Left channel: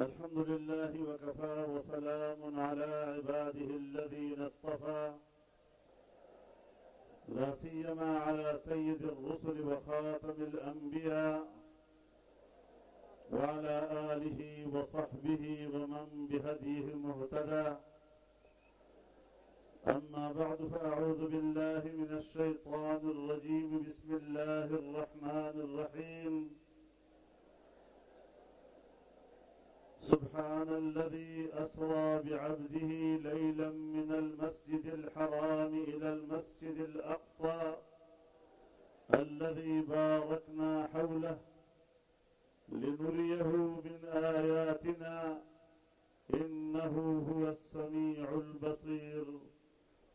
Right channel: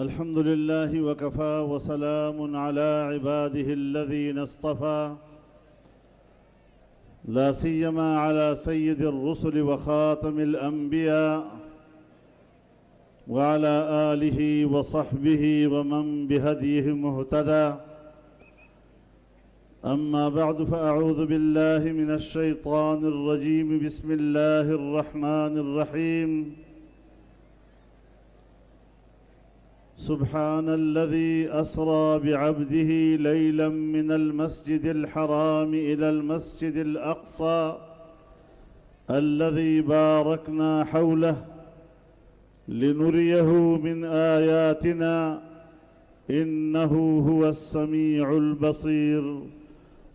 الحمد لله وكفى وسلام على عباده الذين اصطفى لا سيما على سيد الرسل وخاتم الأنبياء وعلى آله وصحبه ومن بهديه مهتدى. أما بعد فأعوذ بالله من الشيطان الرجيم. بسم الله الرحمن الرحيم. سبحان الذي أسرى بعبده ليلا من المسجد الحرام إلى المسجد الأقصى الذي باركنا حوله لنريه من آياتنا إنه هو السميع البصير.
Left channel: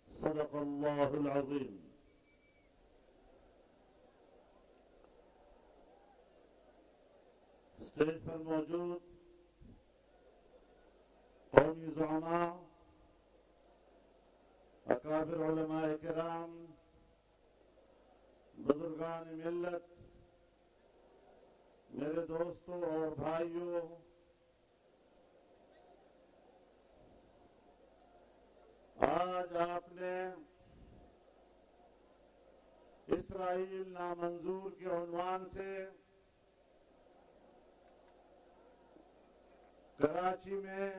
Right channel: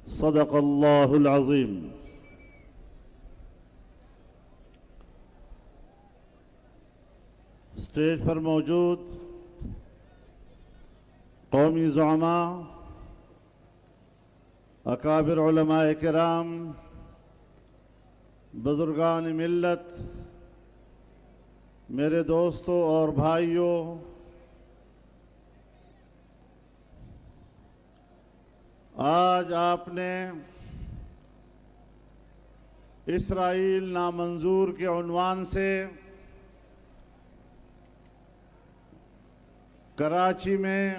صدق الله العظيم. اسٹیج پر موجود قومی زعماء، اکابر علماء کرام، بزرگان ملت، میرے دوستوں اور بھائیوں، آج آپ نے اسرائیل نامنظور کے عنوان سے کراچی میں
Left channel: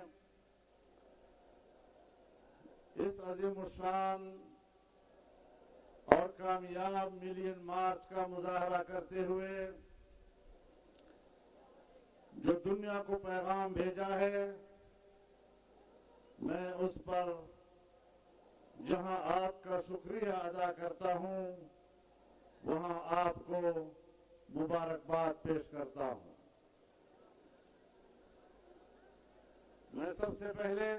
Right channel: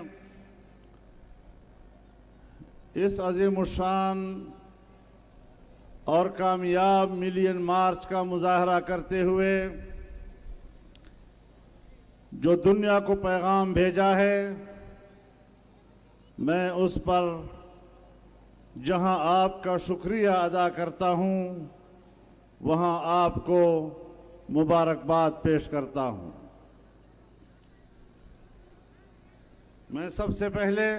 اس عظیم الشان اور کامیاب ملین مارچ کا مظاہرہ کرتے ہوئے جو دنیا کو پیغام بھیجا ہے، میں اس پر جہاں آپ کا شکریہ ادا کرتا ہوں وہاں آپ کو مبارکباد پیش کرتا ہوں۔ میں سب سے پہلے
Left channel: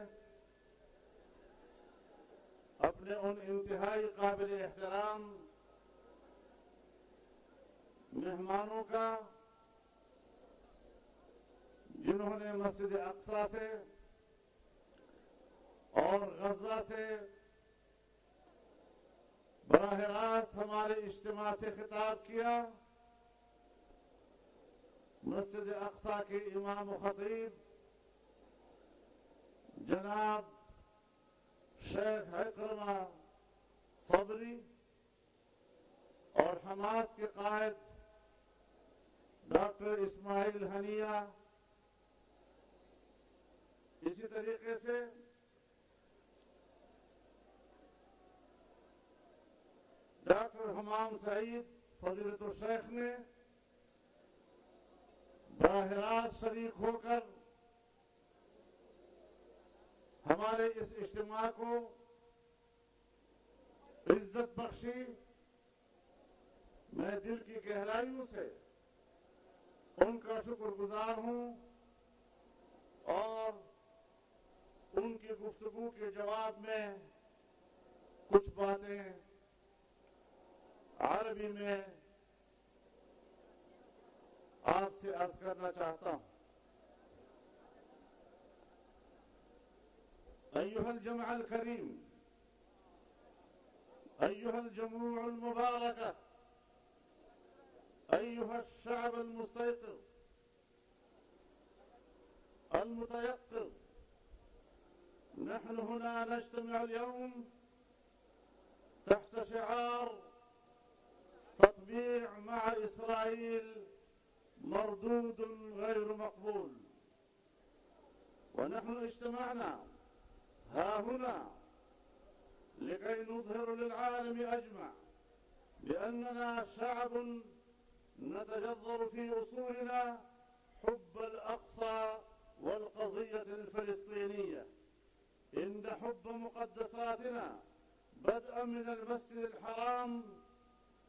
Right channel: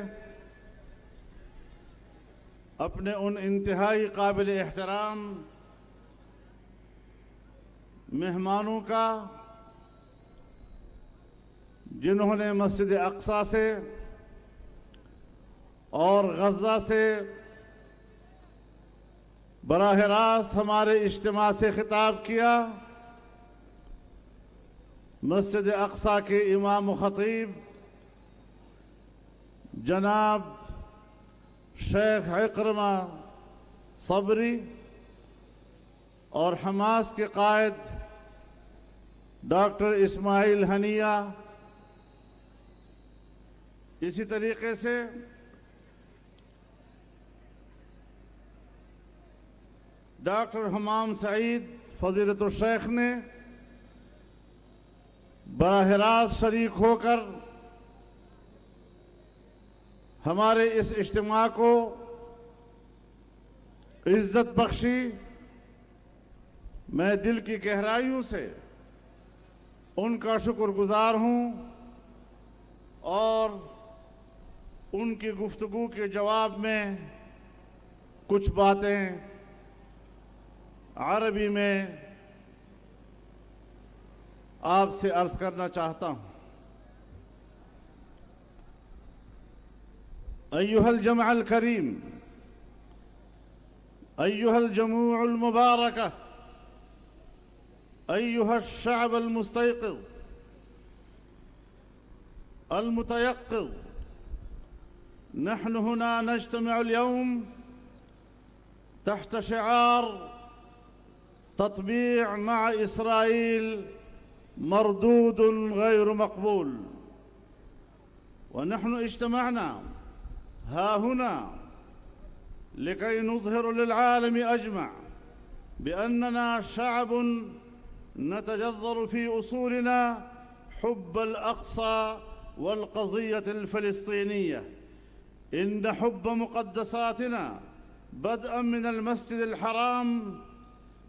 اپنے ان انتہائی قابل احترام مہمانوں کا جنہوں نے مسجد اقصی سے اور غزہ سے براہ راست ہمارے اجتماع سے خطاب کیا، مسجد اقصی کے امام و خطیب جناب شیخ عکرمہ صبری اور حماس کے قائد ڈاکٹر اسماعیل ہنیہ، اسی طریقے سے ڈاکٹر حمام سعید فضیلت الشیخ نے براہ راست شریک ہو کر ہمارے اس اجتماع کو عزت بخشی۔ میں دل کی گہرائیوں سے ان کا شکر گزار ہوں اور ان کی گفتگو کے جواب میں کچھ باتیں عربی میں آپ سے عرض کرنا چاہتا ہوں۔ أيها الجمع الكريم، أيها الجموع المباركة، أيها الشعب المستيقظ المتيقظ، نحن هنا نجتمع اليوم تحت شعار تطبيع مع إسرائيل مردود غير مقبول، ونحن اجتمعنا ها هنا لكي نظهر للعالم أجمع بأننا شعب نتجذر في أصولنا حب الأقصى والقضية الفلسطينية. إن حب مقدساتنا بدءا من المسجد الحرام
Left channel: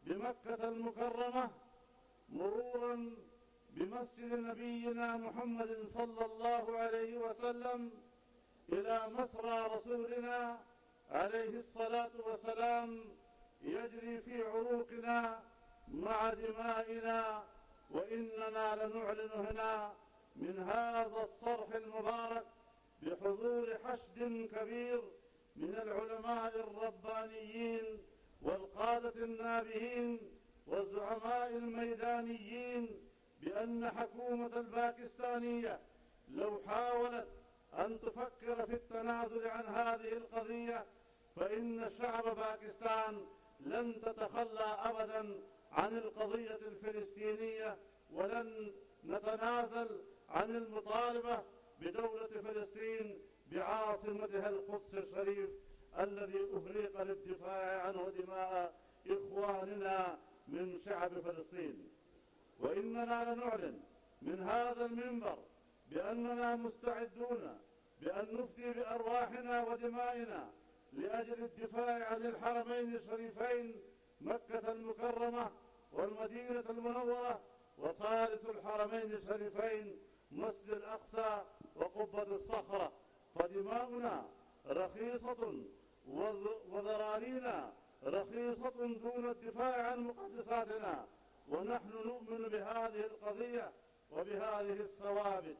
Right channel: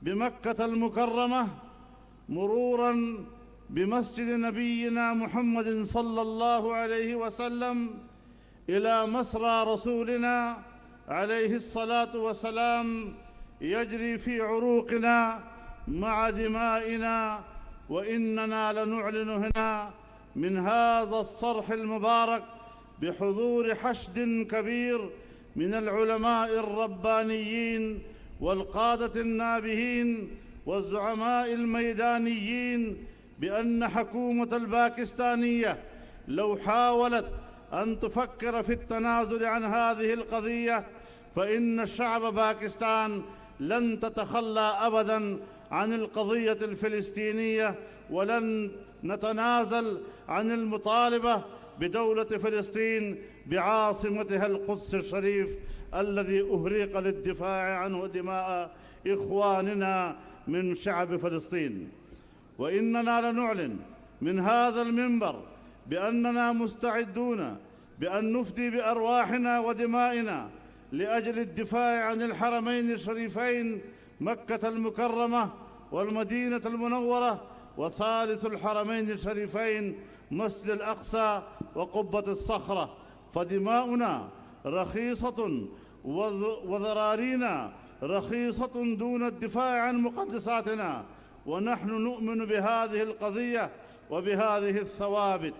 بمكة المكرمة مرورا بمسجد نبينا محمد صلى الله عليه وسلم إلى مسرى رسولنا عليه الصلاة والسلام يجري في عروقنا مع دمائنا، وإننا لنعلن هنا من هذا الصرح المبارك بحضور حشد كبير من العلماء الربانيين والقادة النابهين والزعماء الميدانيين بأن حكومة الباكستانية لو حاولت أن تفكر في التنازل عن هذه القضية فإن شعب باكستان لن تتخلى أبداً عن القضية الفلسطينية، ولن نتنازل عن المطالبة بدولة فلسطين بعاصمتها القدس الشريف الذي أهريق للدفاع عنه دماء إخواننا من شعب فلسطين. وإننا لنعلن من هذا المنبر بأننا مستعدون بأن نفدي بأرواحنا ودمائنا لأجل الدفاع عن الحرمين الشريفين مكة المكرمة والمدينة المنورة، وثالث الحرمين الشريفين مسجد الأقصى وقبة الصخرة. فدماؤنا رخيصة وذرارينا رخيصة دون الدفاع عن مقدساتنا، ونحن نؤمن بهذه القضية وبهذه الثوابت.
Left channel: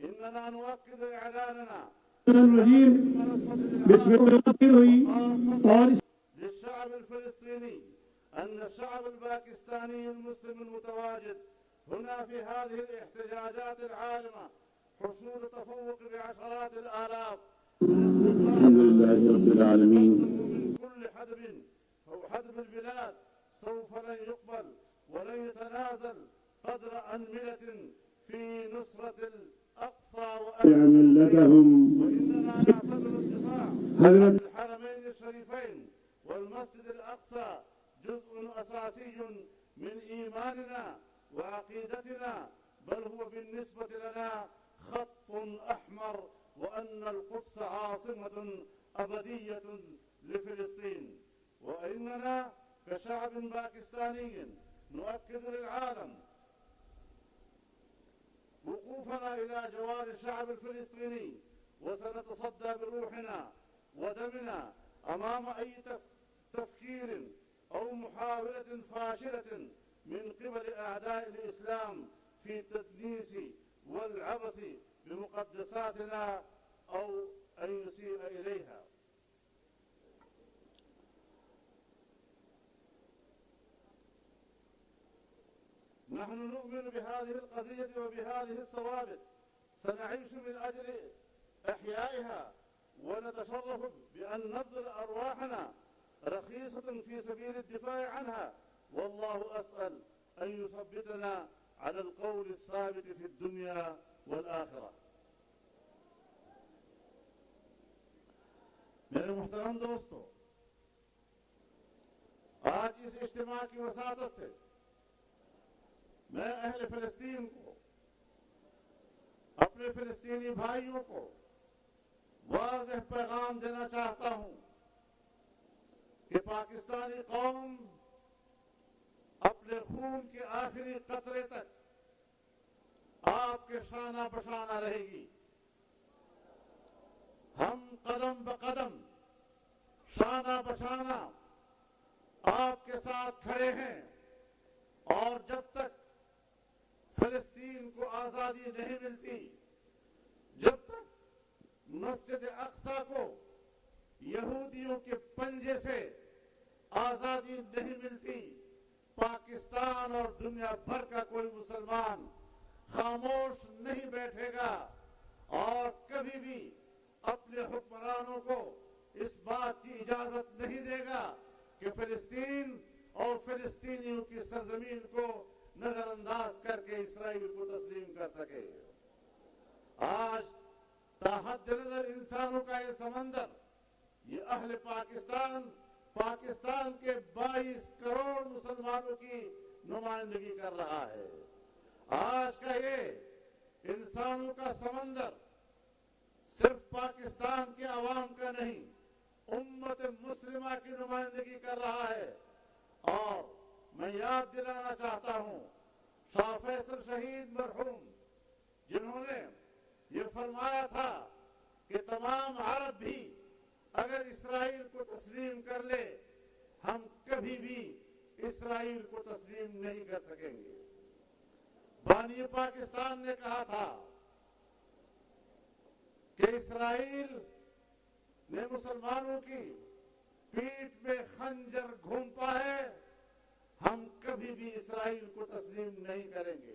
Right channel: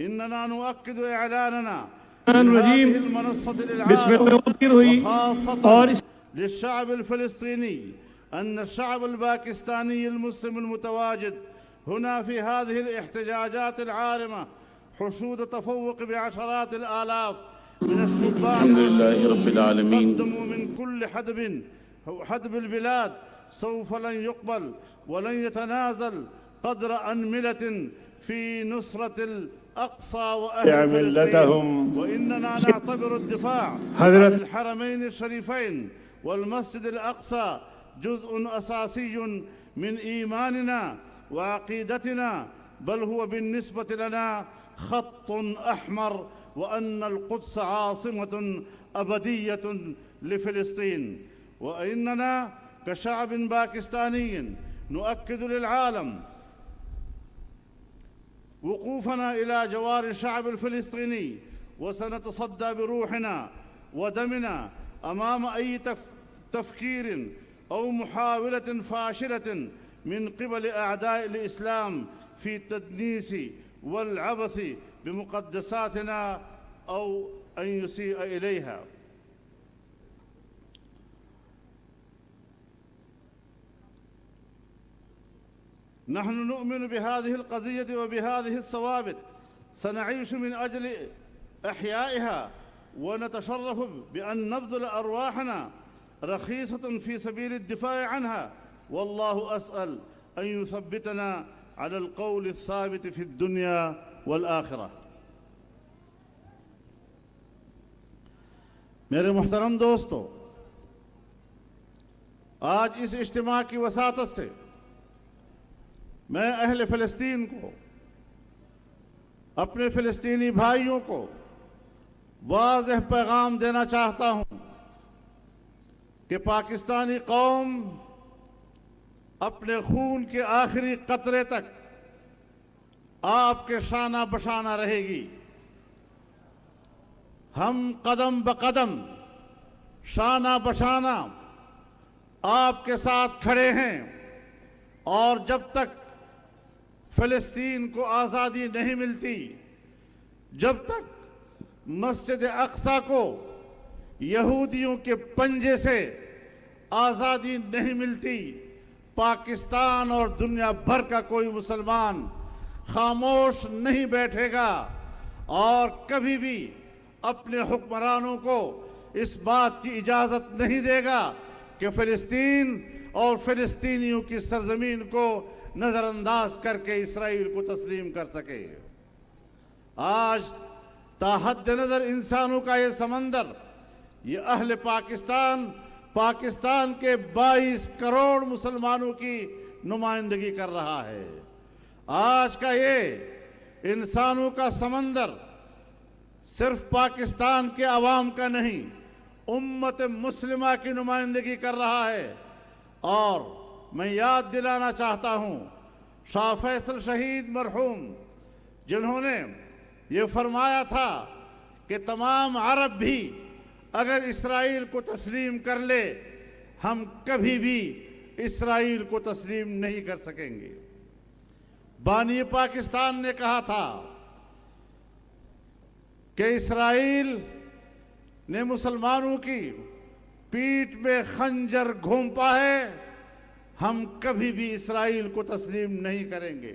إننا نؤكد إعلاننا هذه المنصة للعالم وخاصة للشعب الفلسطيني أن الشعب الباكستاني المسلم المتواجد هنا في هذه الاحتجاجات العارمة حشود تفوق بعشرات الآلاف من الشبان الحمد لله رب العالمين. قدموا من كل حدب البلاد سوف لن يقبل ولن يتنازل قدر أنملة في نصرة الأقصى وأهل فلسطين. وإننا نعتبر الدفاع عن الحرمين الشريفين والمسجد الأقصى جزء أساسي من إيماننا وعقيدتنا، بل هو بالنسبة لنا خط أحمر، وأن القدس عاصمة أبدية لفلسطين. وإننا كشعب باكستاني نؤكد للعالم وقوفنا إلى جوار الشعب الفلسطيني، وسنتصدى بروحنا ودمنا أمام أي تفكير أو محاولة فاشلة من قبل أعداء الإسلام في التدنيس والعبث بمقدساتنا أو أن يسيء إليها. نحن نؤمن بهذه القضية وبهذه الثوابت، سنعيش من أجل إحيائها، ونتشرف بأن نبذل أرواحنا رخيصة في سبيل الدفاع عنها. والله أسأل أن يثبتنا على القول الثابت في الدنيا والآخرة. میرے محترم دوستو، آج اس اجتماع کی وساطت سے میں اہل فلسطین کو، اپنے فلسطینی بھائیوں کو واضح پیغام دینا چاہتا ہوں کہ پاکستانی قوم اپنے خون کے آخری قطرے تک آپ کے شانہ بشانہ رہے گی. ہم قدم بقدم شانہ بشانہ آپ کے ساتھ کھڑے ہیں، اور جب تک فلسطین کو آزادی نہیں ملتی، جب تک مسجد اقصی کو یہودیوں کے پنجے سے آزادی نہیں ملتی، پاکستان اور دنیا بھر کا کوئی مسلمان خاموش نہیں بیٹھے گا اور کبھی بھی اپنے حکمرانوں کو اس بات کی اجازت نہیں دے گا کہ فلسطین اور فلسطینیوں کی سرزمین کو نظر انداز کر کے اسرائیل کو تسلیم کر سکے. آج تا حد نظر انسانوں کا یہ سمندر، یہ اہل پاکستان کے 22 کروڑ مسلمانوں کی نمائندگی کر رہا ہے. آج کا یہ انسانوں کا سمندر صرف پاکستان کے عوام کا نہیں، امت مسلمہ کی نمائندگی کر رہا ہے. اور میں یاد دلانا چاہتا ہوں شاہ فیصل شہید مرحوم، جنہوں نے یہ فرمایا تھا کہ تمام عرب بھی اگر اسرائیل کو تسلیم کر لے، ہم کبھی بھی اسرائیل کو تسلیم نہیں کر سکیں گے. بانی پاکستان نے کہا تھا کہ اسرائیل نے مسلمانوں کی پیٹھ میں خنجر گھونپا ہے، ہم کبھی بھی اسرائیل کو تسلیم نہیں کریں گے.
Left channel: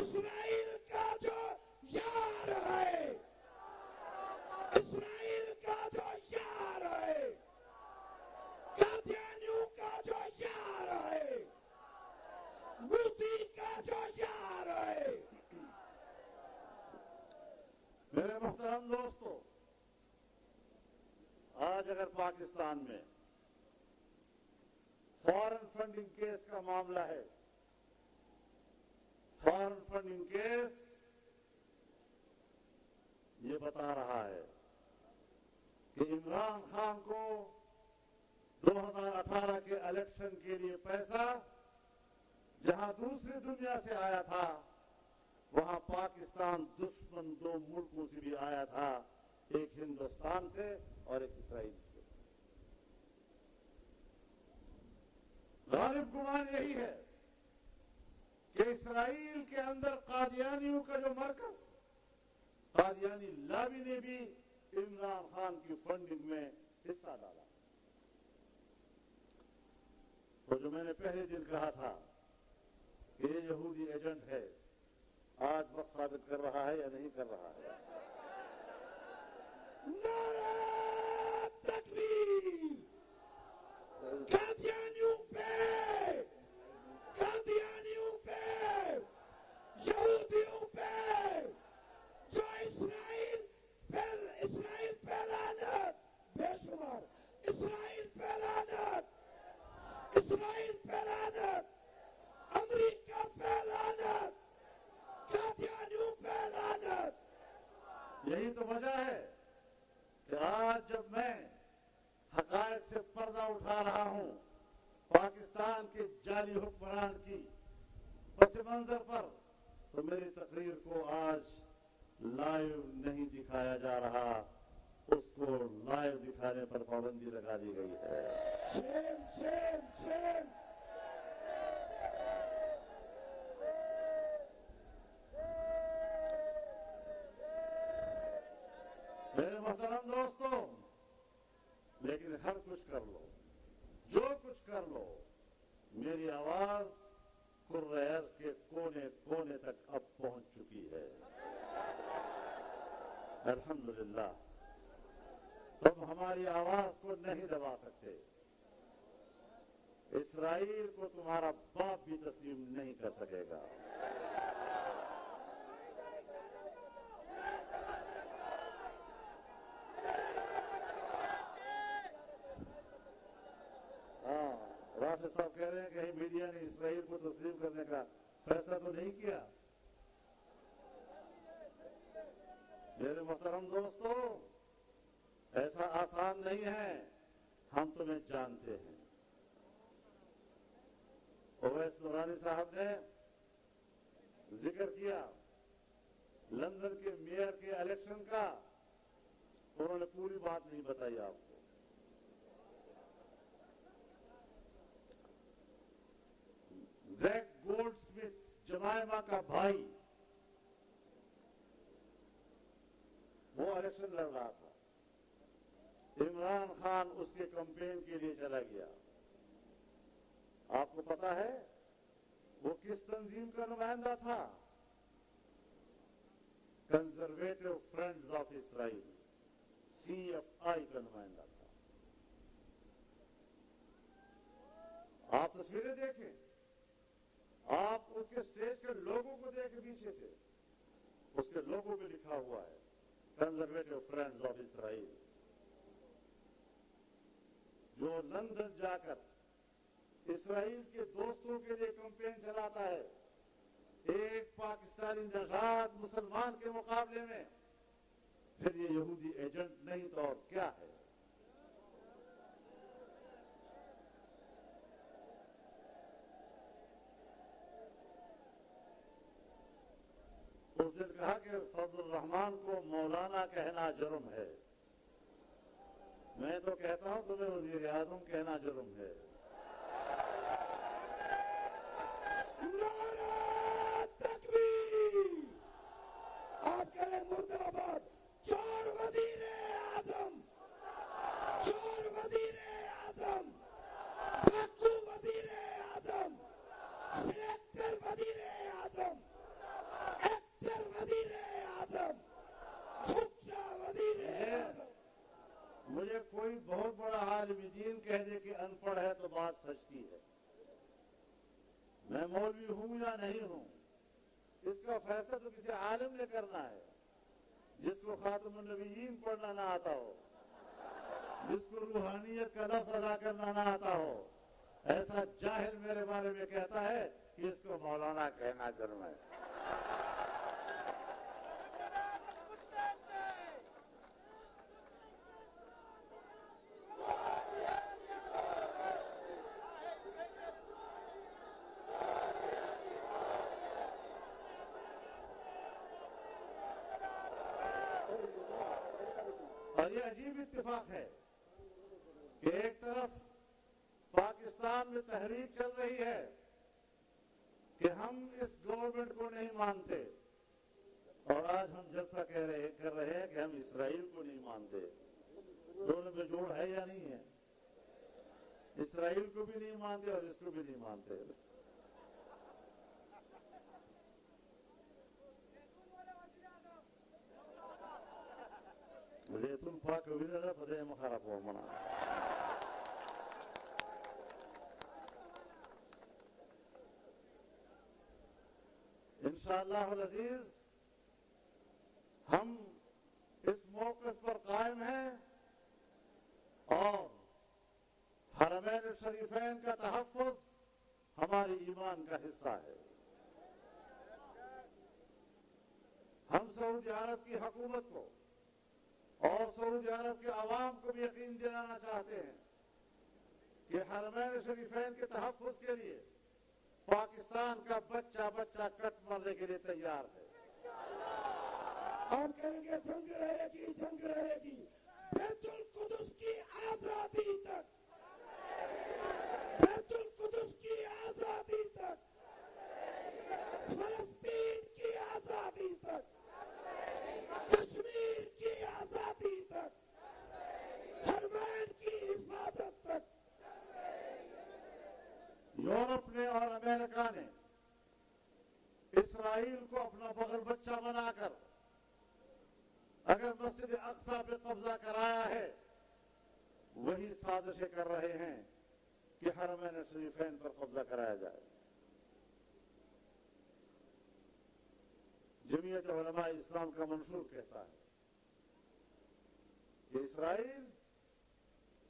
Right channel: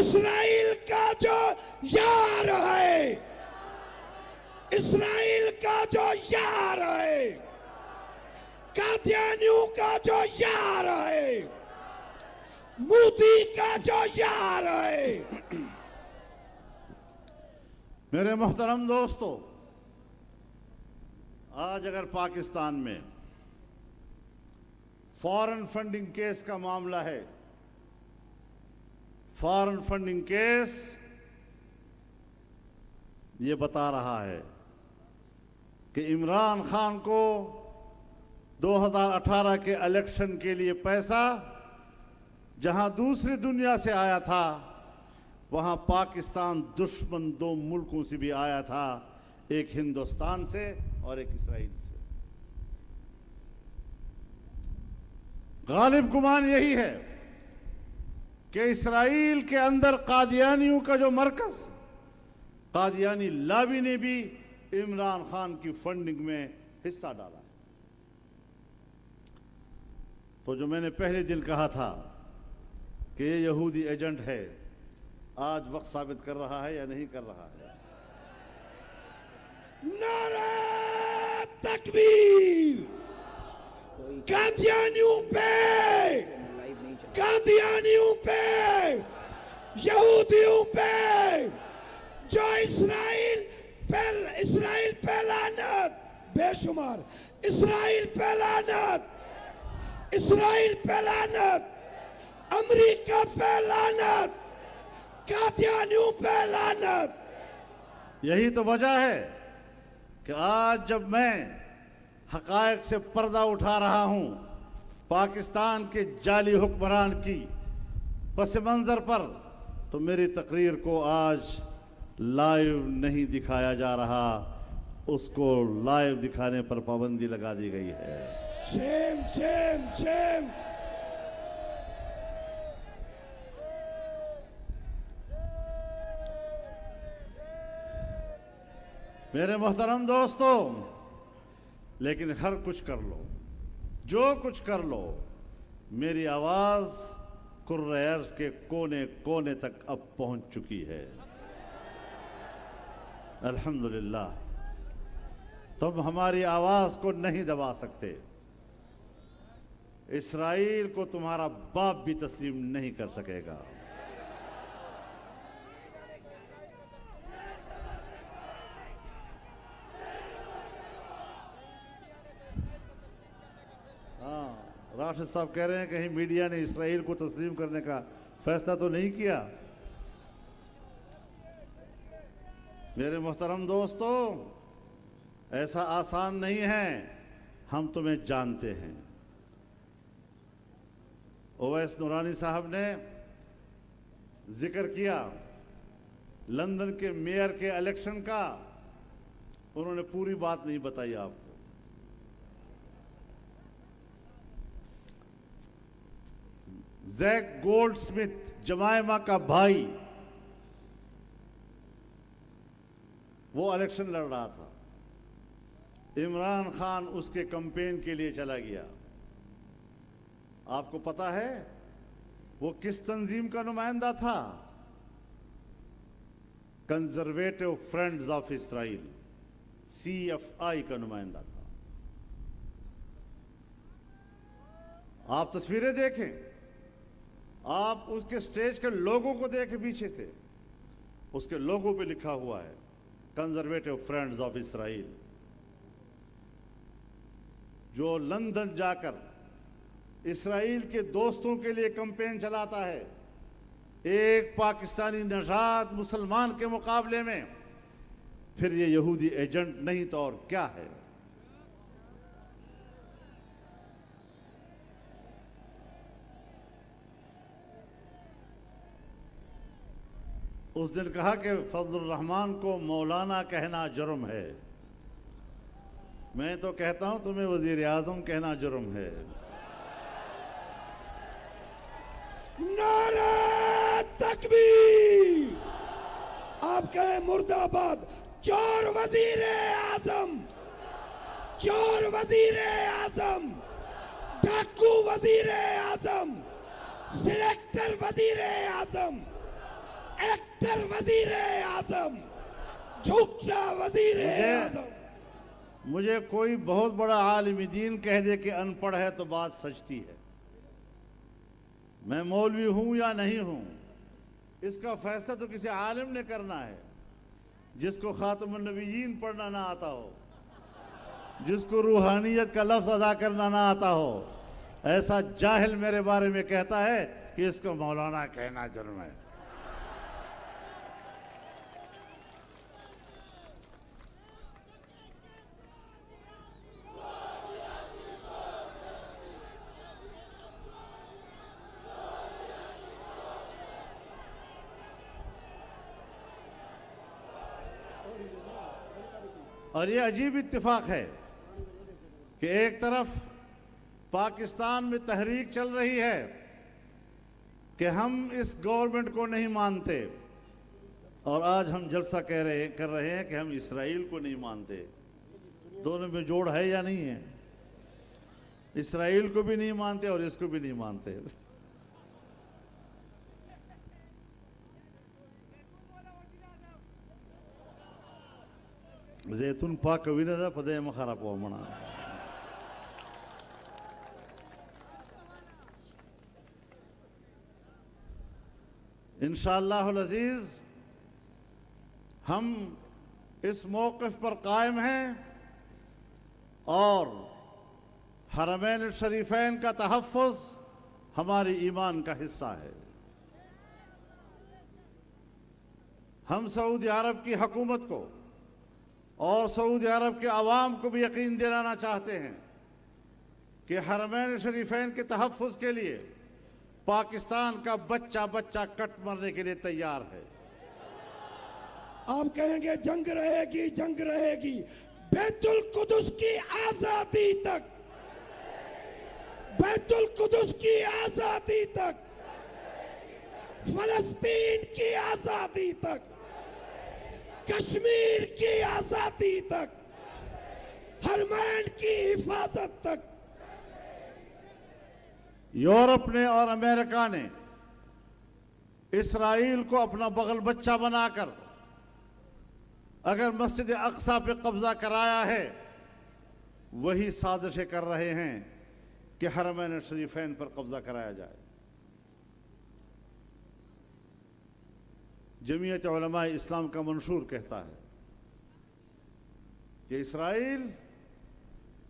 اسرائیل کا جو یار ہے، اسرائیل کا جو یار ہے، قادیانیوں کا جو یار ہے، مودی کا جو یار ہے۔ میرے محترم دوستو، آج اگر پاکستان میں فارن فنڈنگ کیس کا معاملہ ہے، فارن فنڈنگ کیس یہ بتا رہا ہے کہ عمران خان کو 2018 کے الیکشن کے لیے پیسہ جہاں دوسری دنیا سے آیا تھا، وہاں پاکستان دشمن دو ملکوں سے بھی آیا تھا، ایک ہندوستان سے اور ایک اسرائیل سے۔ غالب گمان یہی ہے کہ اسرائیل کے اندر قادیانیوں کا جو مرکز، قادیانی لابی نے بھی عمران خان کی فنڈنگ میں حصہ ڈالا۔ تو جو میں نے پہلے دن کہا تھا کہ یہ یہودی ایجنٹ ہے، آج وقت ثابت کر رہا ہے یا نہیں کر رہا ہے؟ نعرہ تکبیر! قادیانیوں پہ، قادیانیوں پہ، یہودیوں پہ، جو اسرائیل پہ لعنت، بے شمار اسرائیل پہ لعنت، اسرائیل پہ لعنت، امریکہ پہ لعنت، قادیانیوں پہ لعنت۔ یہی تو وجہ ہے کہ آج جب میں حقائق سے پردہ اٹھا رہا ہوں، پاکستان کے جعلی حکمران کی پس منظر پر، تو میری تقریر کو آج لائیو نہیں دکھایا جا رہا، اس کو لائیو دکھانے پر پابندی لگا دی گئی ہے۔ شیم شیم شیم! میرے محترم دوستو، لیکن ہر کچھ کر لو، جو کچھ کر لو، میری آواز کرۂ ارض کے کونے کونے تک اب پہنچ چکی ہے، الحمدللہ۔ تم ہماری آواز کو نہیں دبا سکتے، اسرائیل کو تمہارا باپ بھی تسلیم نہیں کر سکے گا۔ راشد صاحب کہہ رہے ہیں کہیں میڈیا نے اسرائیل کو تسلیم کرنے کا فیصلہ تو نہیں کیا۔ میرے محترم دوستو، ایسا آسان نہیں ہے، ہم تمہیں جانتے ہیں۔ اویس نورانی صاحب نے ذکر کیا لندن کے میئر کے الیکشن کا، انہوں نے پوری بات نہیں بتائی آپ کو۔ زیک گولڈ سمتھ، جمائما کا بھائی، وہ الیکشن لڑ رہا تھا، عمران خان اس کے کمپین کے لیے چلا گیا۔ آپ کو پتا ہے وہ کس تنظیم کا نمائندہ تھا؟ Conservative friends of Israel, CFI کا نمائندہ تھا۔ آپ تصویریں دیکھیں، آپ اس کے سٹیج کے لوگوں کو دیکھیں، پیچھے سے اس کے لوگوں پہ لکھا ہوا ہے کنزرویٹو فرینڈز آف اسرائیل۔ جو لندن جا کر اسرائیل کے دوستوں کے لیے کمپین چلاتا ہے، ایک پاکستانی نژاد مسلمان کے مقابلے میں، پھر یہ یہودی ایجنٹ نہیں تو اور کیا ہے؟ اس دن کہا کہ فضل الرحمان کو مولانا کہنا جرم ہے، میں تو کہتا ہوں تمہیں وزیر اعظم کہنا جرم ہے۔ نعرہ تکبیر! آپ کہیں مرد آباد! چور وزیر اعظم، چور وزیر اعظم، ڈاکو وزیر اعظم، سلیکٹر وزیر اعظم، کریکٹر وزیر اعظم، جھوٹا وزیر اعظم۔ مجھے کوئی بہت بڑا عالم دین کہہ دے کہ ان پڑھ ہے تو بات سچتی ہے۔ میں مولوی ہوں یا نہیں ہوں، اس کا فیصلہ تو کسی عالم نے کرنا ہے، جس کو خاتم النبیین پڑھنا نہ آتا ہو، جس کو روحانیت کا لفظ ادا کرنا نہ آتا ہو۔ ایسا جاہل میرے بارے میں کہتا ہے کہ اس کو مولانا کہنا جرم ہے۔ اور یہ عجیب اتفاق ہے کہ ایک طرف پاکستان میں تحریک چل رہی ہے کہ ہم اس گورنمنٹ کو نہیں مانتے، اور آج ہم جلسہ کر رہے ہیں کہ ہم اسرائیل کو نہیں مانتے۔ دونوں میں جوڑ ہے یا نہیں ہے؟ اسرائیل کو بھی نہیں مانتے اور اس کو بھی نہیں مانتے۔ زیتون پاک وینه ده په دې مخه راپورمنه۔ انشاءاللہ العزیز ہم اس موقف پر قائم ہیں اور حرمین الشریفین کا تحفظ ہماری ایمان کا حصہ ہے۔ ہم سعودی عرب کی حکومت کو اور سعودی عرب کے عوام کو بھی یقین دلانا چاہتے ہیں کہ حرمین شریفین کے تحفظ کے لیے پاکستان کا بچہ بچہ کٹ مرنے کے لیے تیار ہے۔ آپ کہیں گے جنگ رہے گی، جنگ رہے گی، بیت القدس کی آزادی تک، بیت القدس کی آزادی تک، فلسطین کی آزادی تک، کشمیر کی آزادی تک، حرمین کی حفاظت تک۔ یورپ نے اور امریکہ نے اسرائیل کو اپنا بغل بچہ بنا کر اگر مسجد اقصی پہ قبضہ کرایا ہے، وہی سازشیں کر رہے ہیں کہ حرمین شریفین پر قبضہ کرایا جائے۔ جمعیت علماء اسلام کا منشور کہتا ہے کہ اسرائیل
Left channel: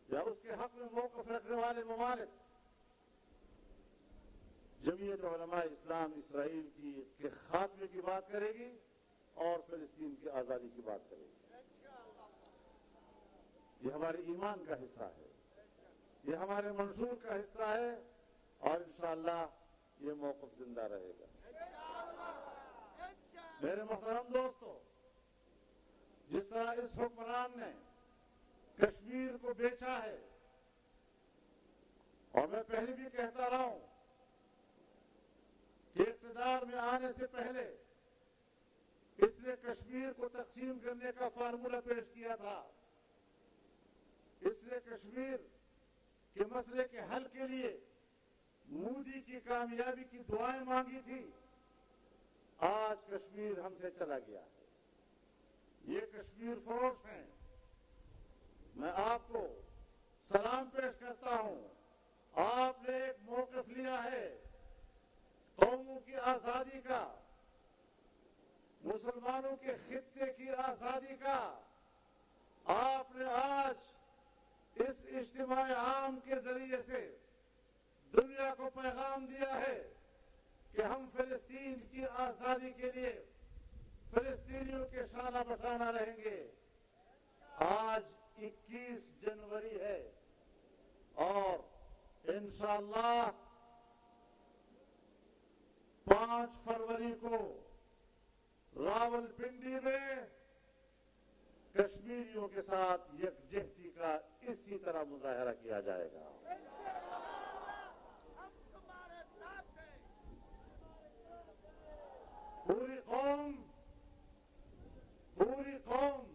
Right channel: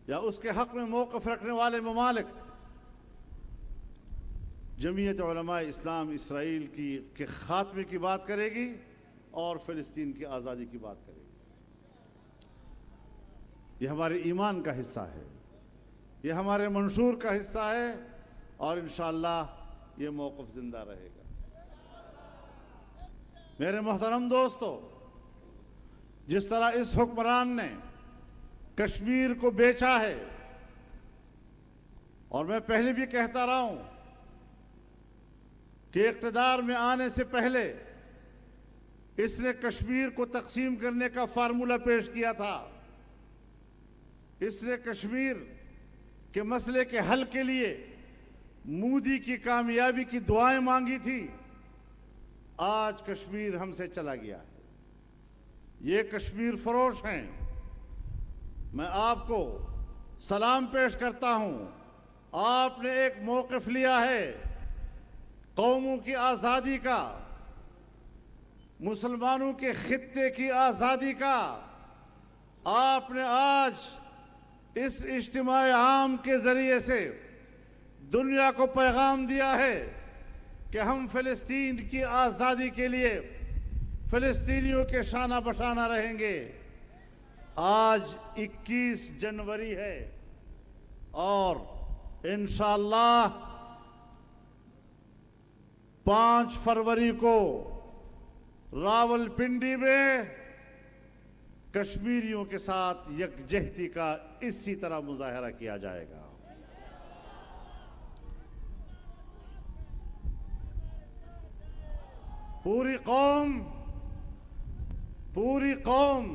یا اس کے حق میں موقف رکھنے والے ممالک، جمعیت علماء اسلام اسرائیل کے خاتمے کی بات کرے گی اور فلسطین کی آزادی کی بات کرے گی۔ یہ ہمارے ایمان کا حصہ ہے، یہ ہمارے منشور کا حصہ ہے، اور انشاءاللہ یہ موقف زندہ رہے گا۔ میرے محترم دوستو، جس طرح اس حکمران نے کشمیر کو بیچا ہے، اور میں پہلے بھی کہتا رہا ہوں کہ اقتدار میں آنے سے پہلے اس نے کشمیر کو تقسیم کرنے کا فارمولہ پیش کیا تھا۔ اس نے کشمیر کے مسئلے کے حل کے لیے مودی کی کامیابی کی دعائیں مانگی تھی۔ آج کشمیر ہم سے چلا گیا ہے۔ یہ کشمیر فروش ہیں۔ میں آپ کو سلام پیش کرتا ہوں۔ آپ نے ایک موقف لیا ہے قوموں کی آزادی کا، مسلمانوں کے خطے کی آزادی کا۔ آپ نے آج اس اجتماع عام کے ذریعے سے دنیا کو پیغام دیا ہے کہ ہم فلسطین کی آزادی کے لیے فلسطینیوں کے شانہ بشانہ رہیں گے۔ آج 21 جنوری ہے اور انشاءاللہ 5 فروری کو راولپنڈی میں کشمیریوں کے ساتھ یکجہتی کا اسی طرح مظاہرہ کیا جائے گا۔ پوری قوم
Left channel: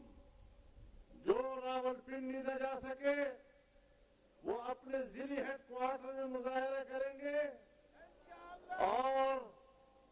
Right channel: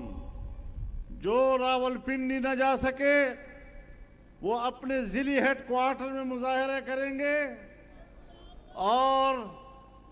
جو راولپنڈی نہ جا سکے وہ اپنے ضلعی ہیڈ کوارٹر میں مظاہرے کریں گے، اور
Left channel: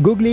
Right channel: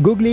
Googly